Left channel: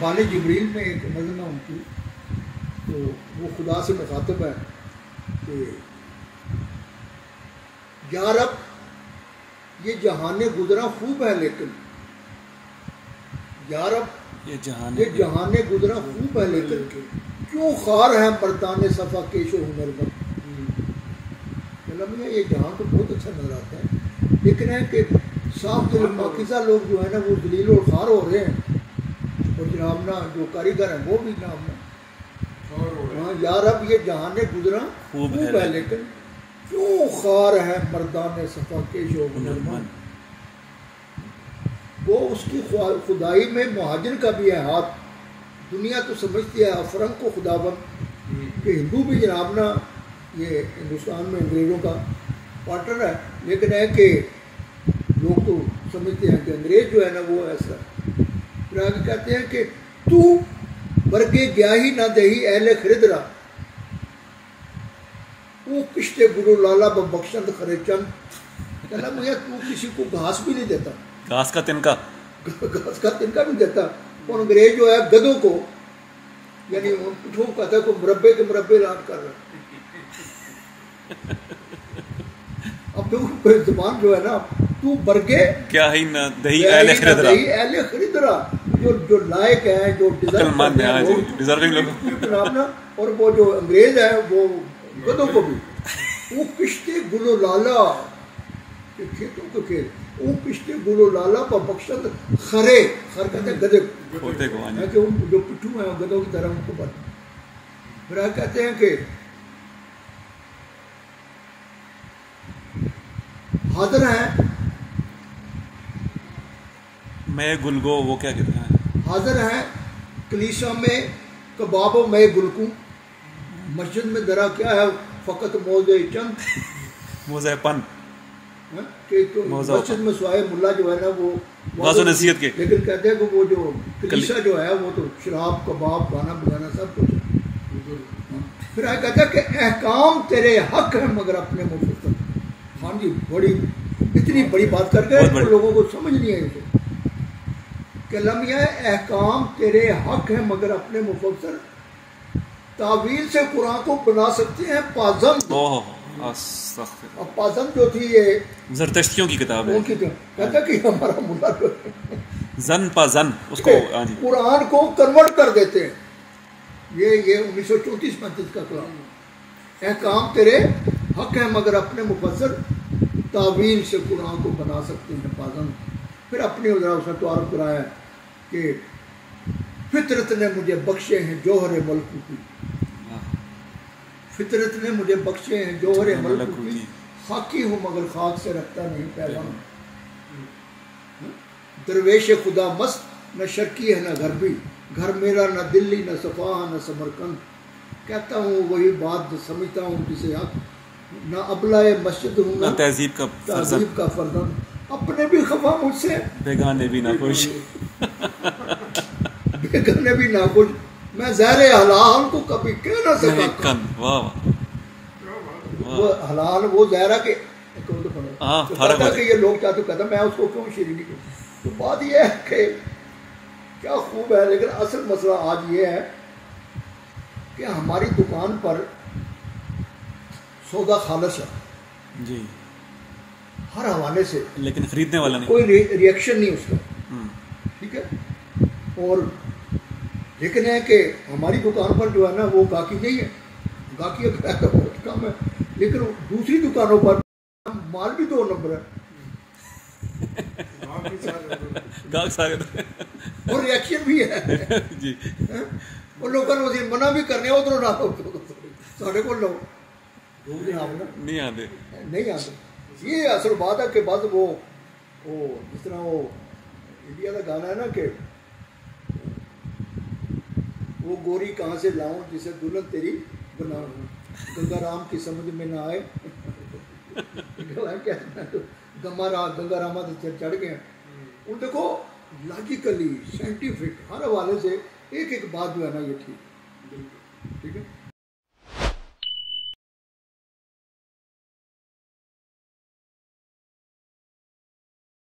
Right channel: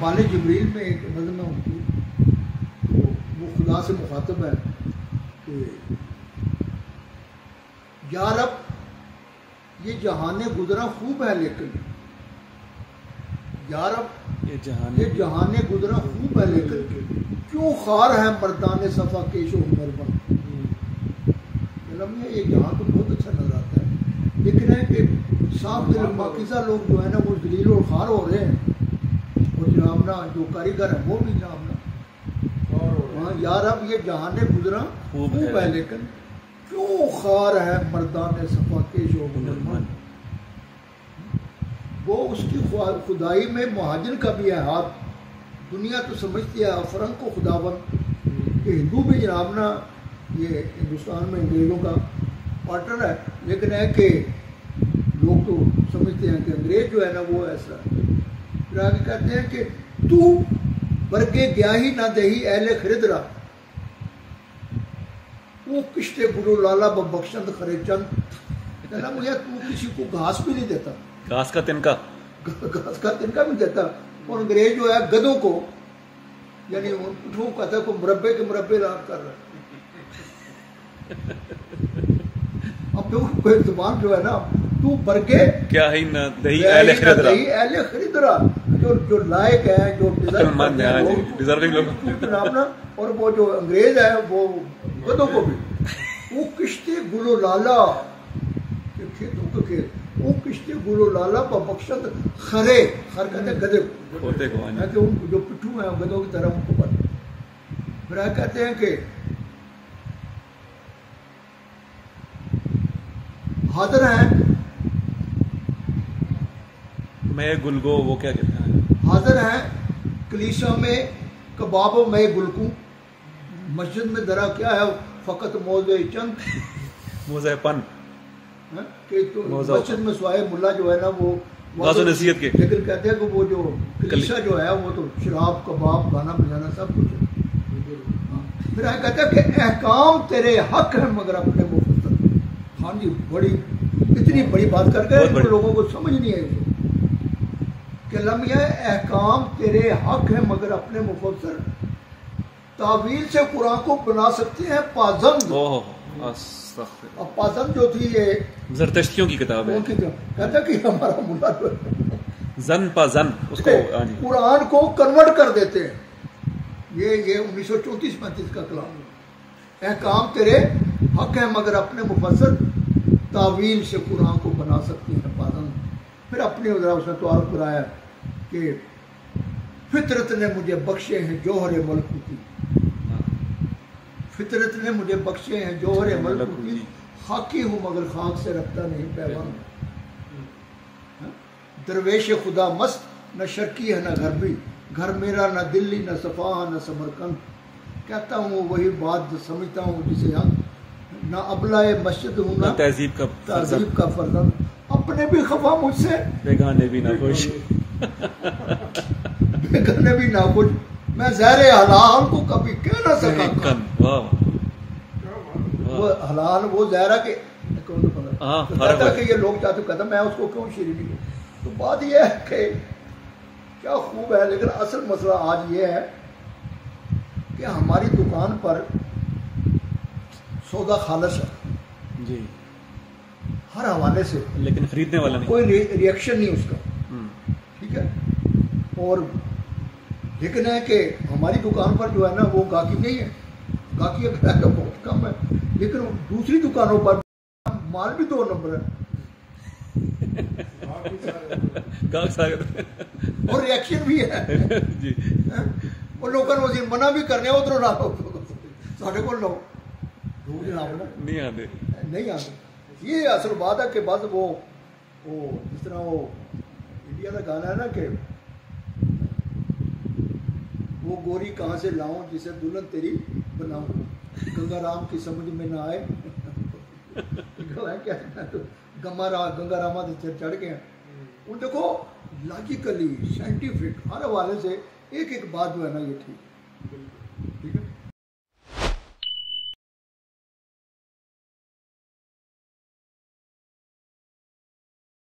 बाले जिब्रील में एक मजमा उनकी, तो वो खुदा से मुखातब है कि यार अब ये जहान गुजरा खूब है, लेकिन यार अब ये जहान गुजरा खूब है, लेकिन क्यों खार है मर्दान सफ़ा केशो हुनरमंद। ये जहाँ तो बहुत अच्छा नजर आता है, लेकिन है कि साफ दिल पाकिज़ा लोग जो है ना वो दलील और खार हो रहे हैं, और जनाब ना जो कारीगर है वो भी जनाब ना हाँ यार अब ये जहान गुजरा खूब है, लेकिन क्यों खार है मर्दान सफ़ा केशो हुनरमंद। वो उसकी खुदाई में मुहाजिर का भी है हाथ। दुनिया तो समझती है अफरंग को खुदाबंद, कि हिंदू भी जनाब ना ये हिंदुस्तान में अंग्रेज़ों का पार्टनर है, लेकिन है कि लोग तो समझते हैं कि अंग्रेज़ जो है ना वो ऐसा। फिर आगे कहते हैं कि तू बरगे गया ही ना दही अहले खरीदरा, वो किश्ते गुरु लाला बख्शंद खरे चंद। कहना भैया तू किसी को घास भी नहीं देता, घास का तिनका भी देता, और अंग्रेज जो है गधों को यानी उठो कहता को मुरब्बे के मुरब्बे लाट कर रहा। अब तो जुबान जो है ना तू बरगे क्या ही ना दही अहले खरीदरा, जो लायक है, जो डिजर्विंग लोग ना, और वो जो अंग्रेज है वो गधों को भी वो किश्ते गुलो लाला खेतों के खेत, वो किश्ते गुलो लाला पर बख्शत खरे खर कहते हैं गधे को, जो पिट्ठू है गधों की तरह उनको पर। फिर कहते हैं कि हाजिर है मैं गुलगो, वो क्या कहते हैं, हाजिर है कलीसा में कबाबो मैं गुलकू, मस्जिद में दरा क्या है फकत मौजे चंद मोज़ेपन तो मस्जिद में सोए मुल्ला जो है ना वो नसीहत के, लेकिन कहते हैं कि वो जो कलीसा जो है वो तो शराब कबाब गाना बजाना सब कुछ है। फिर कहते हैं कि अहकाम तेरे हक है मगर अपने मुफ्त। हाँ जी, बड़ी इतनी बड़ी बात करके लोगों को समझ नहीं आई उसको कि लम्या अहकाम तेरे हक है मगर अपने मुफस्सर, तावील से कुरान को बना सकते हैं पाजंद। और पाजंद जो थी ये ज़रतश्तियों की किताब है, कहता कि हमारा मुल्ला जो जन पाजन उसको कुरान को कन्वर्ट कर देते हैं। ये 1934-35 का कलाम। अहकाम तेरे हक है मगर अपने मुफस्सर, तावील से कुरान को बना सकते हैं पाजंद। फिर अपनी उसने तारुफ कराया कि फितरत ने मुझे बख्शे हैं जौहर मलकूती, फितरत ने मुझे बख्शे हैं जौहर मलकूती, खाकी हूँ मगर खाक से रखता नहीं पैगाम। दरवेश खुदा मस्त न शर्की है न गरबी, घर मेरा न दिल्ली न सफ़ा न समरकंद। कहता हूँ वही बात जो समझता हूँ जिसे आप न अबलाए मस्जिद हूँ न तहजीब का फर्जंद। अपने भी खफा मुझसे, बेगाने भी ना खुश बेगाने भी ना खुश, मैं ज़हरे हलाल को कभी कह ना सका। वो हलाल वो ज़हरा के कि ये लोग चाहते कहता मैं उसको क्यों शीरीनी करूं। तो बात ये है कि क्या खूब है, लेकिन असल मसला आज ये है कि हमारी दुकान पर सौदा खालस है जी, हर हवाले से, लेकिन खरीदने वाला नहीं, कोई रिएक्शन नहीं उसका, ठीक है। और लेकिन है कि हमारी दुकान पर जो है ना वो गाहकी नहीं है, गाहकी बहुत कम है, लेकिन दूसरी दुकानों पर माल भी 2 नंबर है और रिएक्शन भी है जी। वो लोगों को मना भी करने उधरों ना साढ़े को लोग नहीं आते। ये असल बात है कि बस वो जिस तरह वो इंडिया का गाना है ना कि वो गोरी कहाँ से लाऊं जिसे दुल्हन तेरी बनाऊं, गंगा राम की समझ में ना आए क्या तो गंगा रामा से चढ़ गए। उन देखो लॉजिकली साइंटिफिक हर हवाले से एक बात जो है ना ये ठीक है।